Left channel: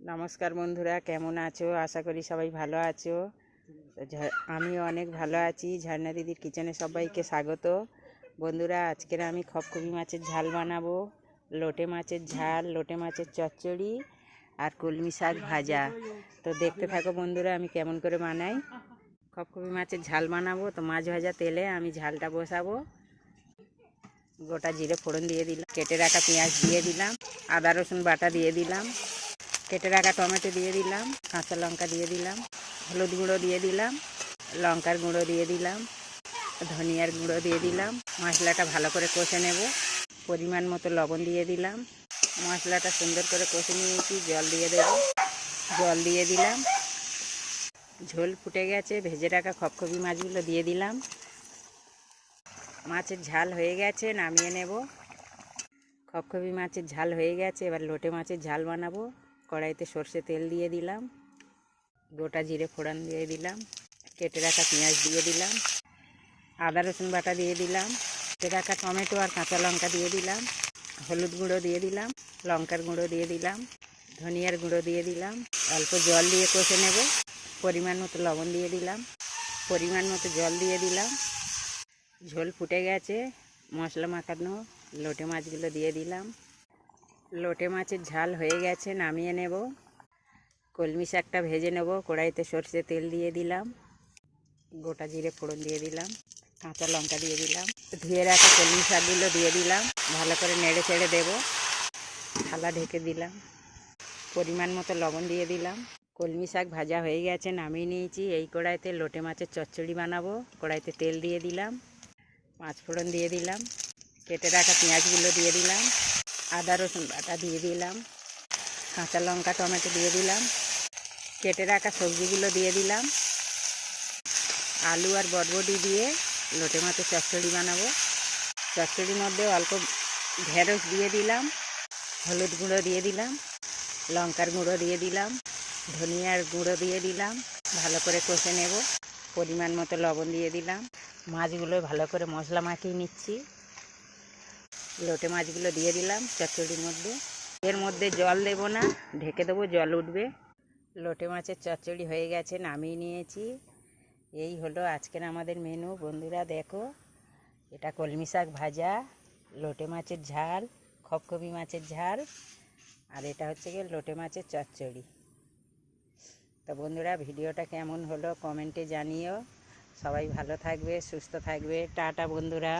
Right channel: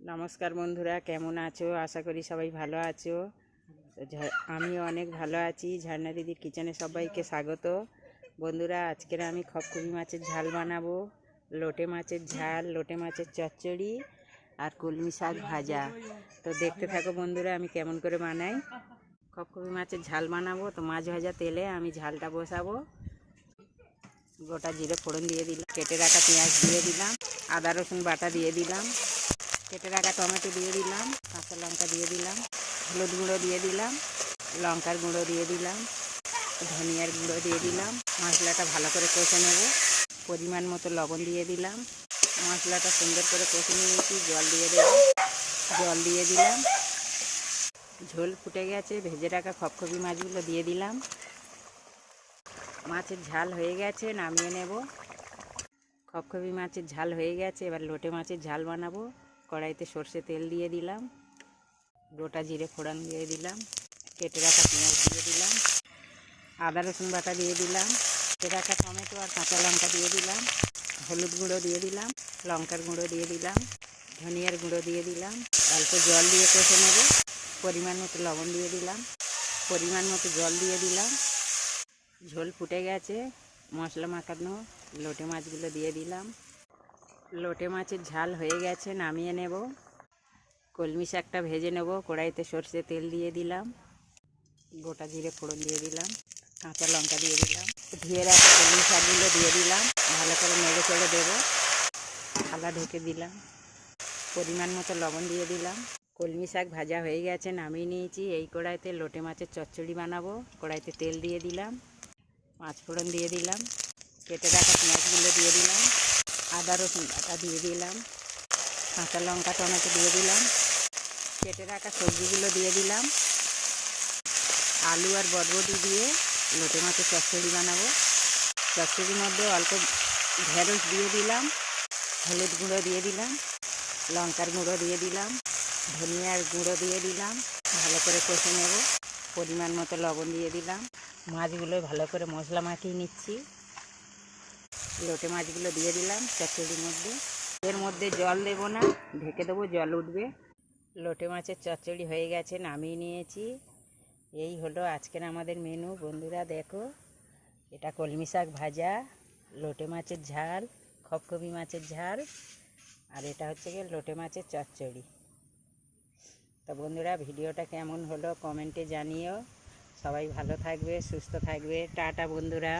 নমস্কার বন্ধুরা, কেমন আছো? আশা করি সবাই ভালো আছো। আমিও অনেক ভালো আছি। ঝর্ণা দিদির কিচেনে সবাইকে স্বাগত। বন্ধুরা, আজকের আমি খপখপি মাছের ঝাল বানাবো। লোটে মাছের ঝাল, লোটে মাছের চচ্চড়ি আর কলমি শাক ভাজা। তো দেখতে থাকো বন্ধুরা, আমি কেমন করে বানাই। খপখপি মাছের ঝাল বানাবো, তো মাছ ভাজা তেলে আমি ঝালটা বসাবো। গোটা জিরে ফোড়ন দিয়ে দিলাম, কেটে রাখা পেঁয়াজ দিয়ে দিলাম, আদা রসুন বাটা দিয়ে দিলাম, কেটে রাখা টমেটো দিয়ে দিলাম, কাঁচা লঙ্কা দিয়ে দিলাম, হলুদ গুঁড়ো দিয়ে দিলাম, লঙ্কার গুঁড়ো দিয়ে দিলাম, ধনিয়ার গুঁড়ো দিয়ে দিলাম। মশলাটা ভালো করে কষে নেব। পরিমাণ মতো লবণ দিয়ে দিলাম। মশলাটা সুন্দর করে কষে নিয়েছি, জল দিয়ে দেব। জল দিয়ে দিলাম। ঝোল ফুটে গেছে, ভেজে রাখা খপখপি মাছগুলো দিয়ে দিলাম। মাছের ঝাল হয়ে গেছে, নামিয়ে নেব। খপখপি মাছের ঝাল হয়ে গেছে, এবার লোটে মাছের ঝাল বানাবো। কড়াইতে সর্ষে তেল দিয়ে দিলাম, গোটা জিরে ফোড়ন দিয়ে দিলাম, কেটে রাখা পেঁয়াজ দিয়ে দিলাম, আদা রসুন বাটা দিয়ে দিলাম, কেটে রাখা টমেটো আর কাঁচা লঙ্কা দিয়ে দিলাম, হলুদ গুঁড়ো দিয়ে দিলাম, লঙ্কার গুঁড়ো দিয়ে দিলাম, ধনিয়ার গুঁড়ো দিয়ে দিলাম। অল্প জল দিয়ে কষে নেব। পরিমাণ মতো লবণ দিয়ে দিলাম, পরিমাণ মতো জল দিয়ে দিলাম। ঝোল ফুটে গেছে, মশলা মাখানো লোটে মাছগুলো দিয়ে দিলাম। লোটে মাছের ঝাল হয়ে গেছে, নামিয়ে নেব। কলমি শাকটা ভেজে নেব। কড়াইতে সর্ষে তেল দিয়ে দিলাম, গোটা জিরে ফোড়ন দিয়ে দিলাম, কাঁচা লঙ্কা দিয়ে দিলাম, ধুয়ে রাখা কলমি শাকগুলো দিয়ে দিলাম। ভালো করে নেড়ে চেড়ে দেবো। থালা ঢেকে দিলাম। পরিমাণ মতো লবণ দিয়ে দিলাম। কলমি শাক ভাজা হয়ে গেছে, নামিয়ে নিয়েছি। এই কড়াইতে লোটে মাছের চচ্চড়ি বানাবো। কড়াইতে তেল দিয়ে দিলাম, পাঁচ ফোড়ন দিয়ে দিলাম, কেটে রাখা পেঁয়াজগুলো দিয়ে দিলাম, আদা রসুন বাটা দিয়ে দিলাম, কাঁচা লঙ্কা টমেটো দিয়ে দিলাম, কেটে রাখা সবজিগুলো দিয়ে দিলাম। আলু আর বরবটি দিয়ে লোটে মাছের চচ্চড়ি বানাবো। চচ্চড়ির মধ্যে অল্প ঢেঁড়স দিয়ে দিলাম, হলুদ গুঁড়ো দিয়ে দিলাম, লঙ্কার গুঁড়ো দিয়ে দিলাম, ধনিয়ার গুঁড়ো দিয়ে দিলাম। ভালো করে কষে নেব। পরিমাণ মতো লবণ দিয়ে দিলাম। মাছগুলো ভালো করে মশলা মাখিয়ে নিচ্ছি। লোটে মাছগুলো দিয়ে দিলাম চচ্চড়ির মধ্যে। এর মধ্যে জল দেব না, ঢেকে দেবো, জল উঠবে। লোটে মাছের চচ্চড়ি হয়ে গেছে, নামিয়ে নিয়েছি। এই হলো আজকের আমাদের মেনু। বন্ধুরা দেখো, এটা কলমি শাক ভাজা, লোটে মাছের ঝাল, খপখপি মাছের ঝাল, আর এটা হচ্ছে গিয়ে লোটে মাছের চচ্চড়ি। তো বন্ধুরা, ভিডিওটা কেমন হলো কমেন্টে জানিও। সবাই ভালো থাকবে, সুস্থ থাকবে। টাটা বন্ধুরা।